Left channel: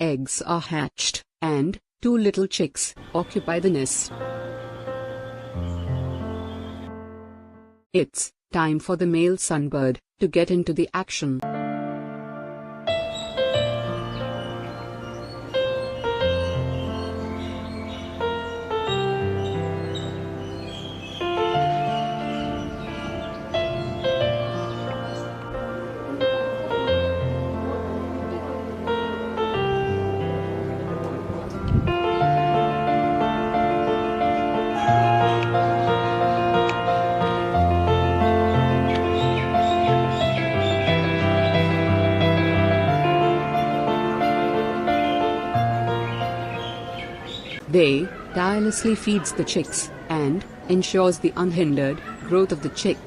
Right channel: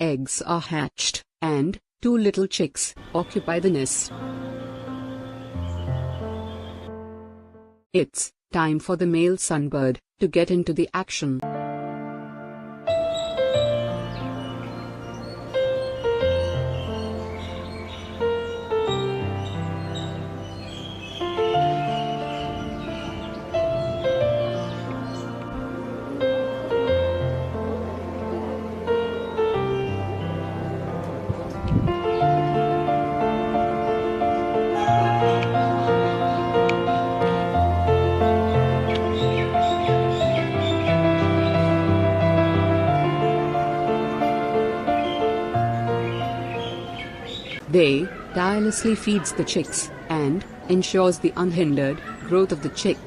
eggs are hatched, and two little chicks occupy the nest. It's time for the male sunbird to get into the action. They tirelessly feeds the chicks and ensures the unhindered growth of the chick.